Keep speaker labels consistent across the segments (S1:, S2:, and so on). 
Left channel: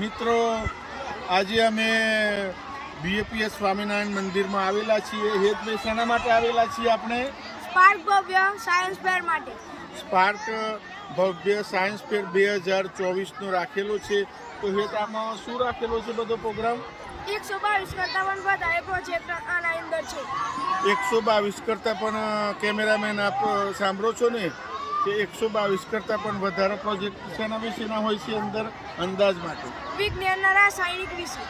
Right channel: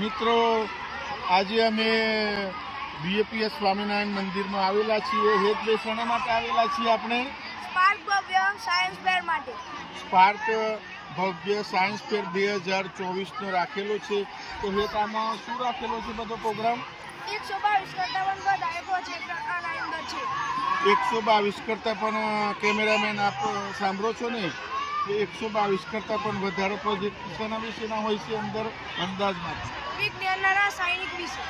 S1: મિત્રો આજે અમે બીએપીએસ સ્વામિનારાયણ મંદિરમાં આવેલા છીએ. હેત શેના માટે આવેલા છીએ આપણે?
S2: સ્પાર્ક ભવ્ય સાયન્સ ફેર માટે.
S1: સ્પાર્ક ભવ્ય સાયન્સ ફેર બે હજાર ચોવીસનો રાખેલો છે. તો હેત આમાં શું રાખેલો છે બધો પ્રોગ્રામ?
S2: એકસો બાવીસ કરતા પણ વધારે પ્રોજેક્ટ આના અંદર છે.
S1: એકસો બાવીસ કરતાં પણ કેમેરામેન આપ સાંભળો છો ને? કે એકસો બાવીસ કરતાં પણ વધારે પ્રોજેક્ટ શેના વિશેના હોય છે અંદર અંદાજ માટે
S2: વિજ્ઞાન રાસાયણિક વિશે.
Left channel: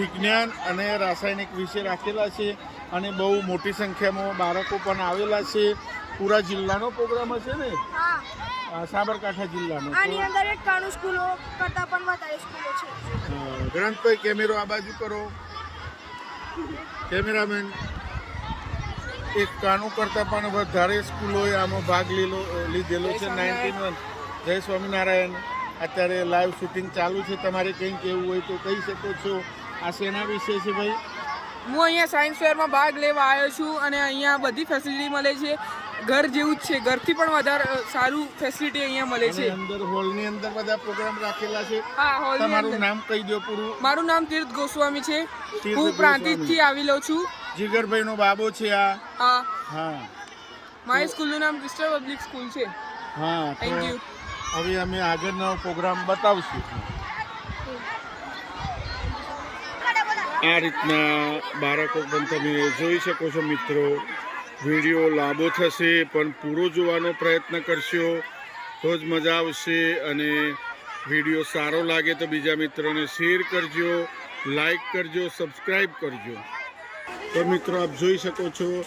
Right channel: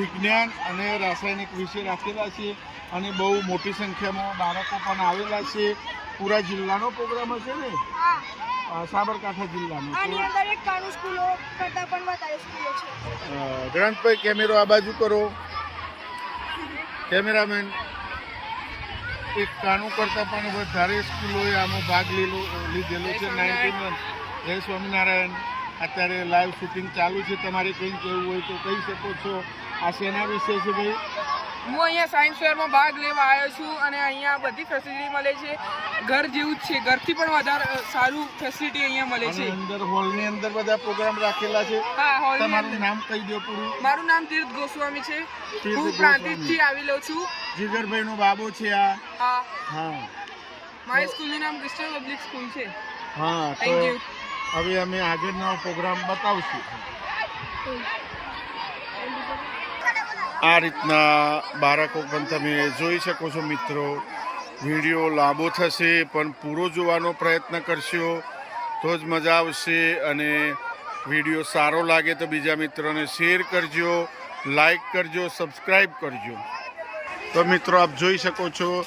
S1: વિજ્ઞાન અને રાસાયણિક વિશે રાખેલા છે અને બહુ મોટી સંખ્યામાં બાળકો પણ આવેલા છે. પૂરા જિલ્લાનો પ્રોગ્રામ હશે ને? સાબરકાંઠા જિલ્લાનો.
S2: આની અંદર એકાણું સ્કૂલો કરતા પણ વધારે સ્કૂલો છે.
S1: અ, કેમેરો આ બાજુ કરો. કેમેરામેન. એક કાનું કરતાં પણ વધારે સ્કૂલોએ આમાં ભાગ લીધો લીધેલો છે. Ninety one. જય સ્વામિનારાયણ. અત્યારે લાઈવ શૂટિંગ ચાલુ છે. તમારે કંઈ કહેવું હોય તો કહી શકો છો. આ શેના વિશે છે ભાઈ?
S3: હું અહીંયા સાયન્સ ફેરમાં ભાગ લેવા આવ્યો છું અને અહીંયા બધી ફેસિલિટી મળે છે. ઘર જેવું જ છે. ઘરથી પણ વધારે સારું ફેસિલિટી અહીંયા મળે છે.
S1: અંદર હોલની અંદર બધા પ્રોગ્રામ રાખેલા છે.
S3: હા
S1: તમારું નામ કહી દો પૂરું.
S3: મારું નામ તીર્થ ગોસ્વામી છે. હું પ્રાંતિજથી આવી લઉં છું.
S1: જીગરભાઈ નો બાબો છે આ.
S3: હા.
S1: હા.
S3: મારી સ્કૂલનું નામ ક્રિસ્ટલ પબ્લિક સ્કૂલ છે.
S1: હા
S3: થેન્ક યુ
S1: હવે અમે આગળનો પ્રોગ્રામ બતાવશું. આ રીતના બાળકો પણ તમે જોઈ શકો છો મિત્રો. વીડિયો લાંબો થશે, પણ પૂરો જોવાનો પ્રયત્ન કરશો. તો જ મજા આવશે અને વીડિયો સારો લાગે તો બીજા મિત્રોને શેર કરજો, લાઈક કરજો સબસ્ક્રાઈબ કરજો. તો મિત્રો આપ જોઈ શકો છો,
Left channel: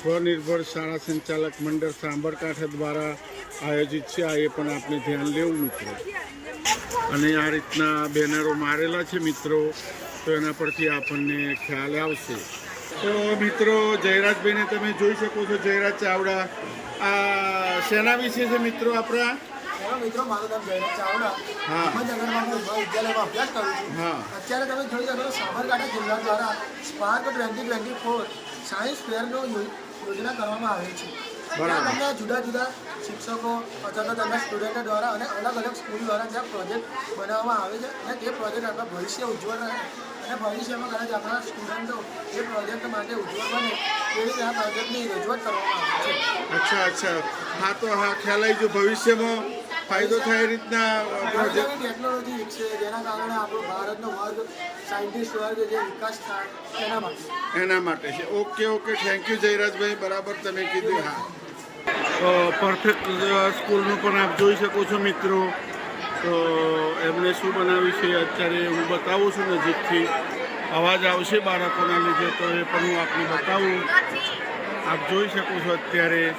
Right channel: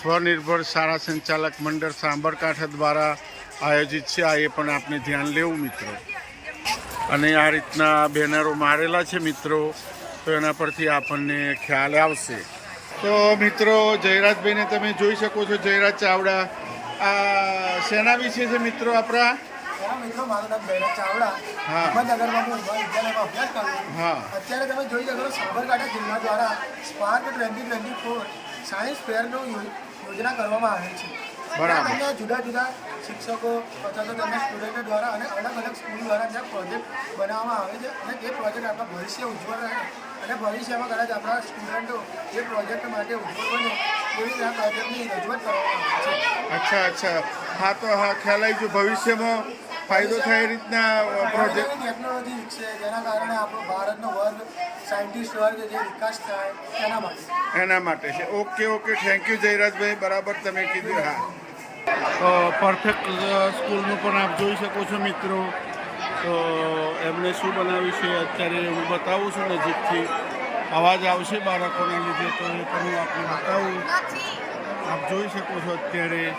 S1: સ્વનિર્ભર શાળા સંચાલક મંડળ સાંબરકાંઠા દ્વારા આયોજિત છે. આ એ પણ આપણે ધ્યાન લેવું મિત્રો. અને આ રીતના બેનરો મારેલા છે મિત્રો. તો એના પરથી આપણને ખ્યાલ આવશે. તો મિત્રો જયરાજભાઈને તમે જોઈ શકો છો જયરાજ ચાવડા. આ શેના વિશે છે મિત્રો આપણા?
S4: મિત્રો મારું નામ જયરાજ ચાવડા. હિંમતનગરમાં હું વિદ્યાલયમાં અભ્યાસ કરું છું.
S1: હા.
S4: અત્યારે તમે જોઈ શકો છો સાબરકાંઠા જિલ્લા દ્વારા spark twenty twenty four science ફેરનો યોજના કરવામાં આવે છે. તમને જુદા જુદા શિક્ષકો અથવા તો તેમના સ્ટુડન્ટો દ્વારા અને અલગ અલગ સ્કૂલ દ્વારા ત્યાં પ્રોજેક્ટ બનાવવામાં આવે છે અને તે પ્રોજેક્ટ આપણા ભવિષ્ય ઉજ્જવળ રહે. અને ભવિષ્યમાં કદાચ આપણા સ્ટુડન્ટો એ પ્રોજેક્ટ માટે ઉજ્જવળ બને એવી રીતે આ પ્રોજેક્ટની રજૂઆત કરવામાં આવે છે.
S1: અચ્છા અચ્છા. હા તો હા ખ્યાલ આવી જો ભવિષ્યમાં ફાયદો થાય એ રીતના પ્રોજેક્ટ
S4: ટેકનોલોજી વિકસે જેના કારણે આપણો ભારતનો વર્ગ સાયન્ટિસ્ટ વર્ગ જે વિકાસ થાય તેના માટે.
S1: એના માટે છે. Okay okay. Thank you Jayrajbhai. બરાબર તમે કીધું. હા. પરફેક્ટ સ્કૂલનું પણ આપ જોઈ શકો છો મિત્રો. તો એમણે શું બનાવ્યું છે અત્યારે હું બતાવું છું નજીકથી. અવાજ આવશે બાળકોના લીધે, તો એ પણ હું આપને બતાવું. આપ જોઈ શકો છો અત્યારે.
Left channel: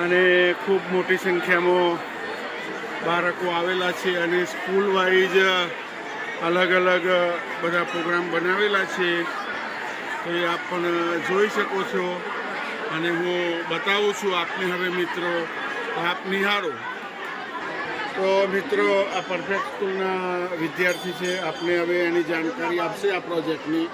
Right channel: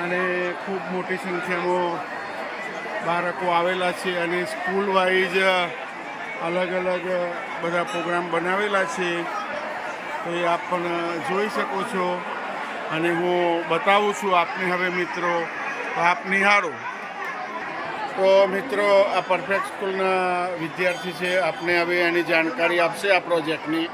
S1: અને ખૂબ મોટી સંખ્યામાં બાળકો આવેલા છે અને સ્કૂલ વાઇઝ અલગ અલગ બધા પ્રોગ્રામ બનાવેલા છે. તો એ આપ પણ જોઈ શકો છો. અને હું બતાવું છું આપને હવે મિત્રો આપ નિહાળો. તો મિત્રો, આ પરફેક્ટ સ્કૂલના વિદ્યાર્થી છે, આપને હવે એની જાણકારી આપશે આ પ્રોજેક્ટની.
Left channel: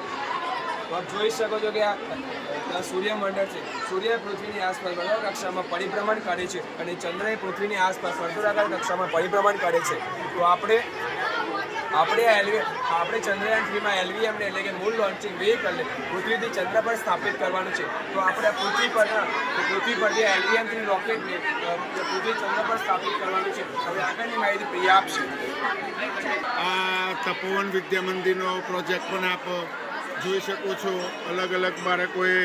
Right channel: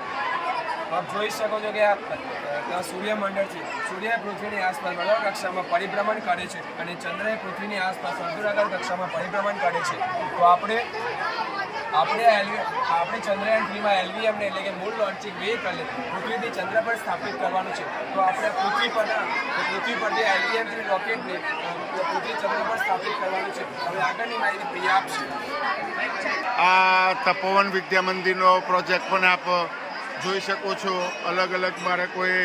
S5: આપ જોઈ શકો છો કે આ સૂર્યમંડળ છે. સૂર્ય પૃથ્વીની આસપાસ, બરાબર, કક્ષામાં પરિભ્રમણ કરે છે અને ચંદ્ર પૃથ્વીની આસપાસ વર્તુળાકાર કક્ષામાં પરિભ્રમણ કરે છે. તો આપણે આપણે એલવી, આપણે ચંદ્રયાન થ્રીમાં એલવીએમને એટલે કે મૂળ લોન્ચિંગ વેહિકલને પૃથ્વીથી ચંદ્ર પર સ્થાપિત કરવાનું છે. તો આપણે પૃથ્વી પર પૃથ્વી પર જે એલવીએમ થ્રી રોકેટને પૃથ્વી ચંદ્ર પર સ્થાપિત કરવાનું છે. હવે આગળની માહિતી પ્રિયા આપશે.
S1: આ તપોવન વિદ્યા મંદિરનો પ્રોજેક્ટ પણ આપ જોઈ શકો છો. અલગ અલગ બાળકોએ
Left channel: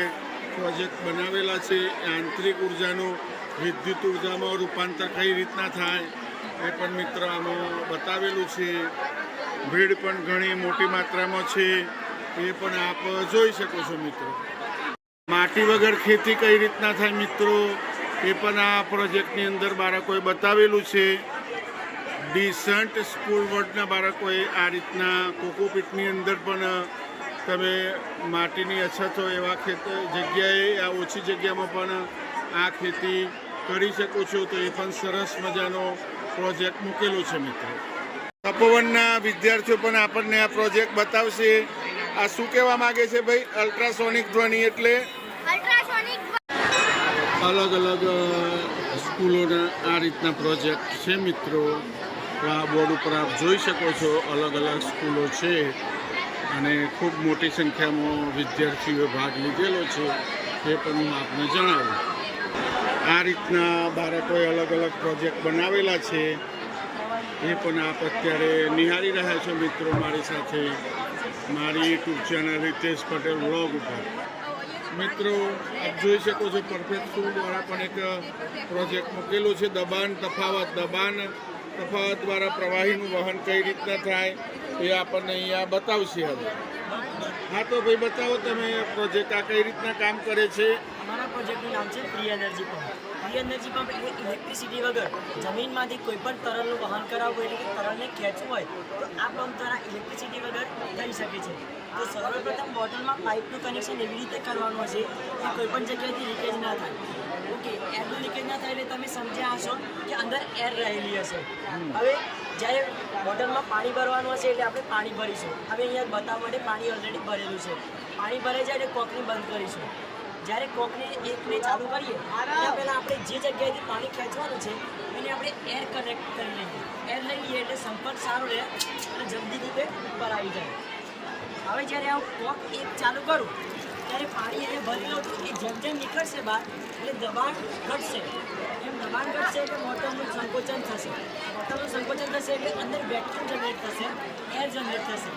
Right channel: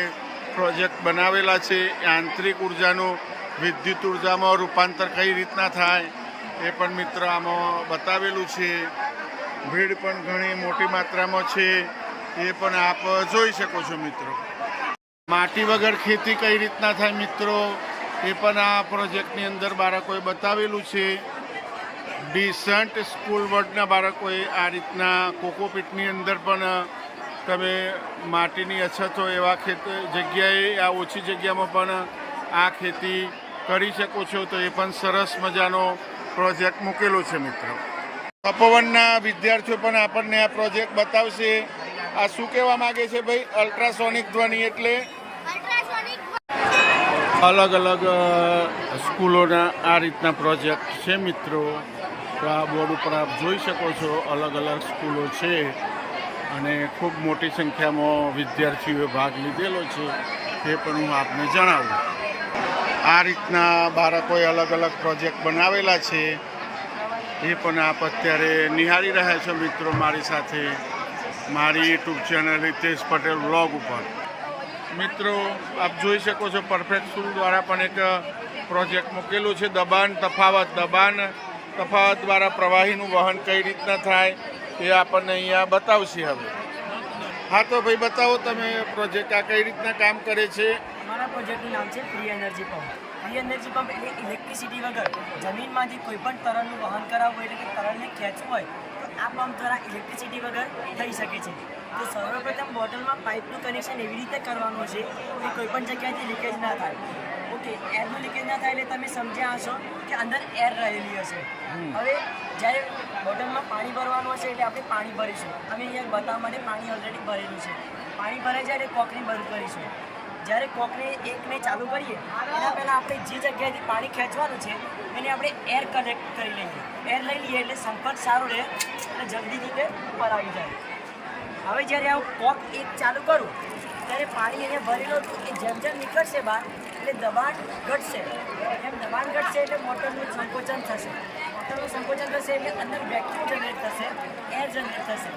S1: પ્રોજેક્ટ બનાવેલા છે. આંતરિક ઉર્જાનું, વિદ્યુત ઉર્જામાં રૂપાંતર કઈ રીતના થાય એ પણ મિત્ર આમાં બતાવેલું છે. ભીડ પણ ઘણી મોટી માત્રામાં છે, એ પણ આપ જોઈ શકો છો મિત્રો. માટી વગર ખેતી કઈ રીતના થાય મિત્રો? એ પણ આ પ્રોજેક્ટની અંદર બાળકોએ બતાવેલું છે. ડિસન્ટ સ્કૂલ વર્ડના બાળકોએ આ રીતના કોકોપીટની અંદર પણ તમે માટીની અછત હોય એવા ખેત, જગ્યાએ, આ ઓછી જગ્યામાં પણ આ ખેતી કરી શકો છો, તો એ પણ સરસ મજાનો પ્રોજેક્ટ મૂકેલો છે મિત્રો. તપોવનના વિદ્યાર્થીઓ પણ આપણને આ પ્રોજેક્ટ બતાવશે. આ શું કહેવા માંગે છે ભાઈ? અલ્ટ્રાસોનિક ધ્વનિ એટલે? અલગ અલગ સ્કૂલોના આ રીતના પ્રોજેક્ટ છે મિત્રો. તો આ બોર્ડ ઉપર આપ જોઈ શકો છો અલગ અલગ સ્કૂલો છે અને ખૂબ મોટી સંખ્યામાં વિદ્યાર્થીઓએ ભાગ લીધેલો છે. તે પણ હું આપને જણાવું. આ રીતના બાળકોએ અલગ અલગ પ્રોજેક્ટ બનાવેલા છે. એ પણ આપ અત્યારે નિહાળી રહ્યા છો મિત્રો મારી સાથે, મારી YouTube channel Ritesh Patel blog ઉપર. મિત્રો, આપ જોઈ શકો છો પરફેક્ટ સ્કૂલ દ્વારા પણ એક પ્રોજેક્ટ મૂકેલો છે, દબાણ, તફાવત દબાણ, તફાવત દ્વારા પ્રવાહીનું વહન કઈ રીતના થાય એ આપણને અહીંયા બતાવશે હવે. હા તો ભાઈ બતાવો તમે પ્રોજેક્ટ આ કઈ રીતના કામ કરે છે?
S6: અમારા પ્રોજેક્ટનું નામ છે free energy pump free energy pump એટલે ઇલેક્ટ્રિસિટી વગર જમીનમાંથી કોઈ પણ તરલનું વહન કરાવવું હોય એટલે કે તરલને ખેંચવું હોય તો આ પંપ દ્વારા ઇલેક્ટ્રિસિટી વગર થઈ શકે છે. તો સર્વપ્રથમ બોટલમાં પાઇપનું કનેક્શન એવી રીતે કરવાનું છે કે કોઈ પણ જગ્યાએથી લીકેજ ના થાય. ઓકે એરનું લીકેજ ના થાય એટલે તમે સમજ્યા હશો કે અંદર એર રહેલી હશે. હવે જ્યારે બોટલમાં પાણી ભરવાનું હશે એટલે આપણે પાણી ભરીશું. હવે અહીંયા બતાવવા માટે પાણી ઓલરેડી ભરેલું છે. પાણી ભરાઈ જાય એટલે કોકરી બંધ કરીશું. જ્યારે કોકને એકને ચાલુ કરીએ, એના પહેલાં આપણે જે જગ્યાએથી પાણી ખેંચવાનું છે, એને આપણે એર કનેક્ટ કરી લઈએ. એર લઈ લઈએ એટલે સંપર્ક સારો રહે અને જલ્દી રીતે ઉપર આવી જાય. હવે જ્યારે હું કોક એક ચાલુ કરું, ત્યારે પાણી અહીંયા ભરેલું હતું એ જેમ જેમ નીકળશે બહાર, એટલે દબાણ ઘટશે. એમ દબાણ ઘટશે એટલે મોટરનું સંકોચન થશે. મોટરનું સંકોચન થશે એટલે અંદર વેક્યુમ જનરેટ થશે એર જનરેટ થશે.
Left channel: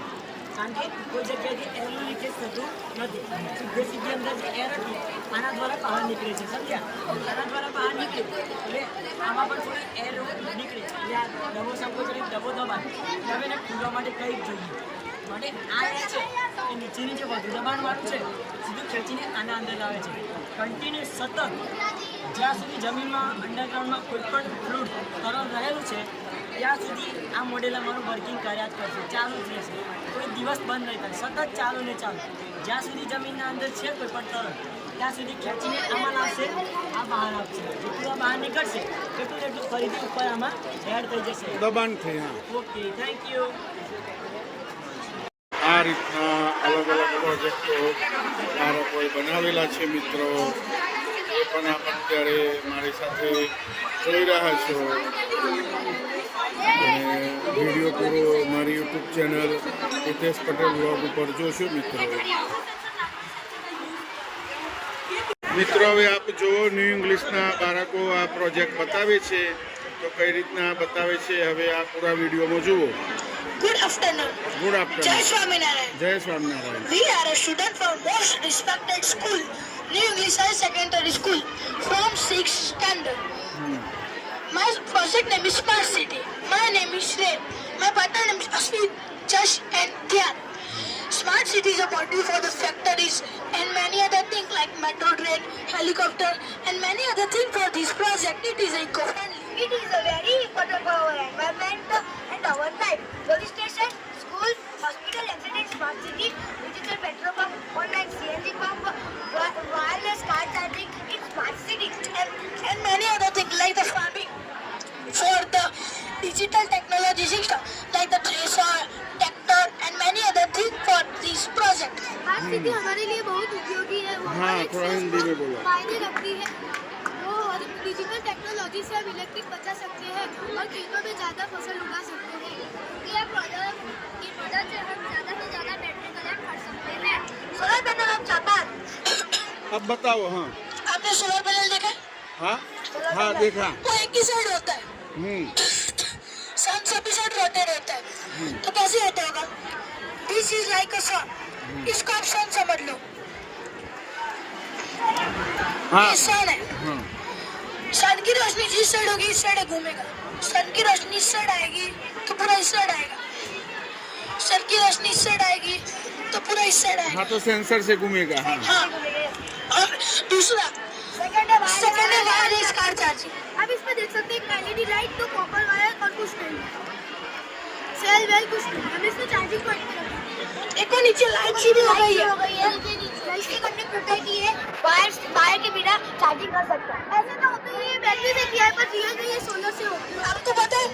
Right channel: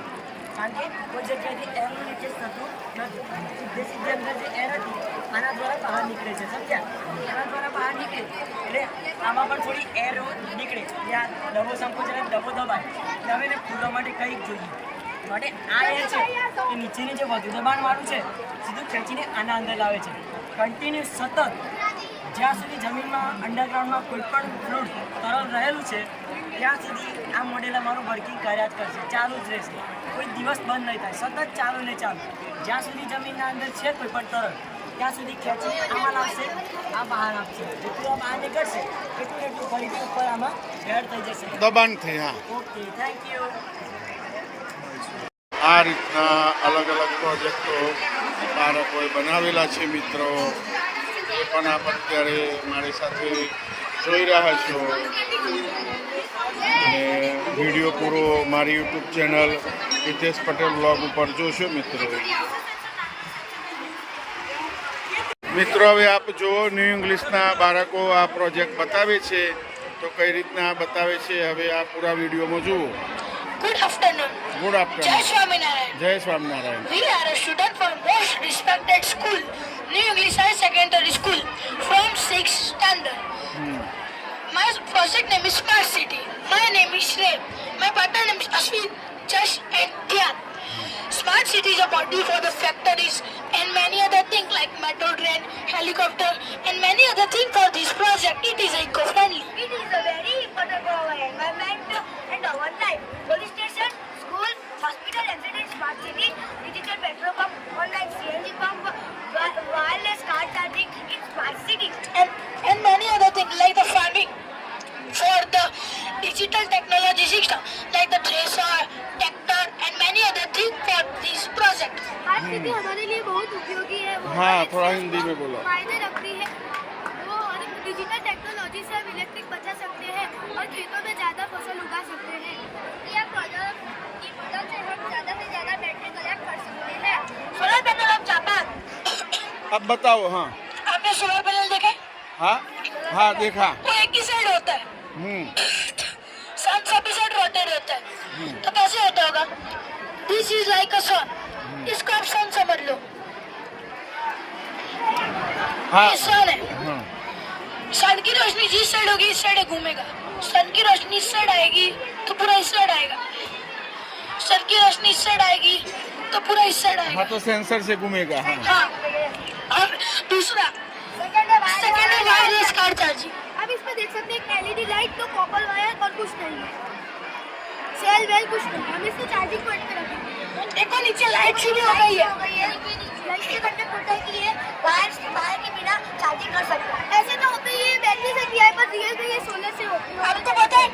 S6: કારણ કે કોઈ જગ્યાએથી એરનું લીકેજ થતું નથી. સીધે સીધી અંદર જે એર હતી આના દ્વારા બહાર નીકળે છે, સમજ્યા? આના દ્વારા બહાર નીકળે. એટલે આમાં પણ થોડી એર નીકળે. એટલે આ ડબો સંકોચન ડબો દબાય એટલે હવે એને ખુલવા માટે કંઈક જોઈએ. માટે આ એર છે એ નીચેની જે વધુ દબાણવાળું છે, સીધું ખેંચીને આના અંદર લાવે છે. કન્ટિન્યુ સતત જ્યાં સુધી જમીનમાં અંડરગ્રાઉન્ડમાં કોઈ પણ ફ્રૂટ તરલ રહેલું છે, ત્યાં સુધી આ મોડેલ અમારું વર્કિંગ કર્યા જ કરશે. ચાલુ જ રહેશે. કોઈ દિવસ બંધ નહીં થાય. સતત ચાલુ ને ચાલુ. જ્યાં સુધી જમીનના અંદર છે કોઈ પણ તરલ. ત્યાં સુધી ખેંચીને આમાં લાવશે આ બહાર આપશે. જેટલું આ બહાર નીકળશે એટલું એટલું ફરીથી ઉપર આમાં એડ થઈ જશે.
S1: દબાણથી હા.
S6: ઓકે થેન્ક યુ
S1: આ રીતના અલગ અલગ પ્રોજેક્ટો બાળકોએ બનાવેલા છે મિત્રો. એ પણ આપ અત્યારે મારી સાથે જોઈ રહ્યા છો. અને વીડિયો પૂરો મારી YouTube channel Hitesh Patel blog ઉપર જોશો મિત્રો. મિત્રો હવે આપ જુઓ ન્યૂ ઇંગ્લિશના બાળકો આ પ્રોજેક્ટ બતાવે છે તો કઈ રીતના બતાવે છે હવે આ પૂરા વિડીયોમાં જુઓ
S7: Good afternoon.
S1: Good afternoon
S7: Swaminarayan.
S1: જય Swaminarayan
S7: We are a student from most respected school, New English High Secondary School, from 6th standard. My project name is Smart City. My name is Shrey. My partner name is Ashwin, Josh and Dhyan. Smart City is a model for the factories and many other things like metro train, helicopter and many other things for this project. It is eco-friendly.
S2: It is a very important for our environment and our life. है
S1: थोड़ा हिंदी में बोलो।
S2: फ़ायदे रखती है। वो हर digital technology से हम इलेक्ट्रिक बचा सकते हैं और खेतों में ज़्यादा फ़सल उगा सकते हैं। हम ज़्यादा से ज़्यादा बैटरी कलेक्ट कर सकते हैं।
S7: Solar panel of Japan.
S1: अब बताओ हाँ।
S7: आपने सोलर पैनल देखा? हाँ
S1: हाँ देखा।
S7: वो एक ही साइड होता है।
S1: हम्म।
S7: सन सभी साइड रोटेट होता है। तो कैसे होता होगा? This is like a sun इसको आप सन समझ लो।
S1: हाँ।
S7: ये सन है। सन की रोशनी जिस साइड होगी इस साइड घूमेगा। सन की रोशनी इस साइड आएगी तो पूरा इस साइड आएगा। सन की रोशनी इस साइड आएगी तो पूरा इस साइड आएगा।
S1: हाँ तो सेंसर से घूमेगा हाँ।
S7: हाँ। और दूसरा सेकेंड वायरलेस कार चार्जिंग
S2: आप इसमें देख सकते हैं एलईडी लाइट तो कॉपर वायर और कुछ नहीं है। सेल वेल कुछ नहीं हम इसको चार्जिंग पॉइंट पे रखेंगे।
S7: देखो नीचे लाइट शुरू हो गई है
S2: हो गई है इसके करने पुटाई की है वायर वायर के बिना चार्जिंग कर सकता ऐसे तो होता है ये बैटरी से किया है पर रियल में ये सोलर से होती है।
S7: आपको पता है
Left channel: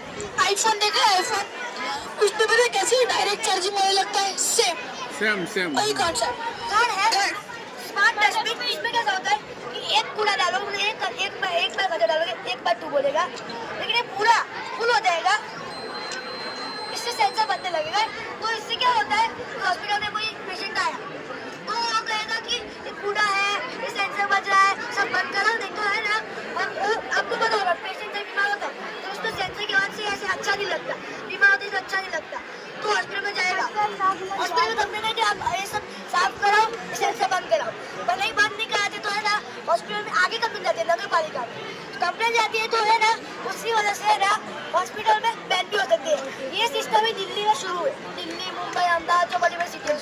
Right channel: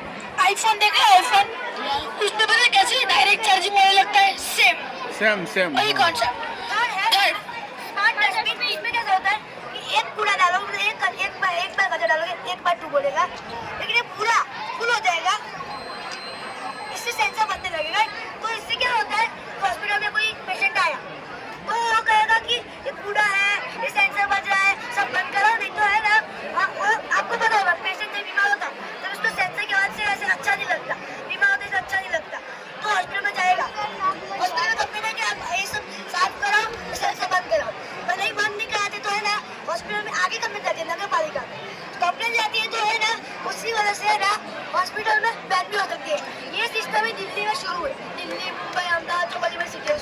S7: आईफोन देखा है आईफोन उसमें पता है कैसे डायरेक्ट चार्जिंग होने लगता है? सेम
S1: सेम सेम
S7: वही
S1: हाँ।
S7: कॉन्सेप्ट
S2: स्मार्ट डस्टबिन इसमें क्या होता है? एक कूड़ा डालो मतलब एक एक बार एक बार कचरा डालोगे एक बार टू बोलेगा। लेकिन ये पूरा फुल हो जाएगा। से सेंसर बनने लगेगा। तो इससे क्या होता है? हॉस्पिटल में कोई पेशेंट आया। तो वो कहेगा कि ये कूड़ा है, ये सेंसर बज रहा है, सब बंद करो, नहीं तो है ना आपको पता होगा पेशेंट जब बीमार होता तो उसको सेंसर के बाद से ऐसे अच्छा नहीं लगता, बीमार होते तो अच्छा नहीं लगता तो हॉस्पिटल में जाएगा। हॉस्पिटल में कंप्लेन है कि आप ये सब साफ़ कराओ सेंसर बंद कराओ। पर नहीं बंद नहीं कराते तो है ना हॉस्पिटल में आगे कंप्लेन जाती है, नगर पालिका में? कंप्लेन जाती है तो है ना, उसी वजह से है ना हॉस्पिटल में बैन भी हो सकती है। ये सिस्टम ही दिल्ली में शुरू है दिल्ली, मुंबई, अहमदाबाद जो बड़ी बड़ी सिटी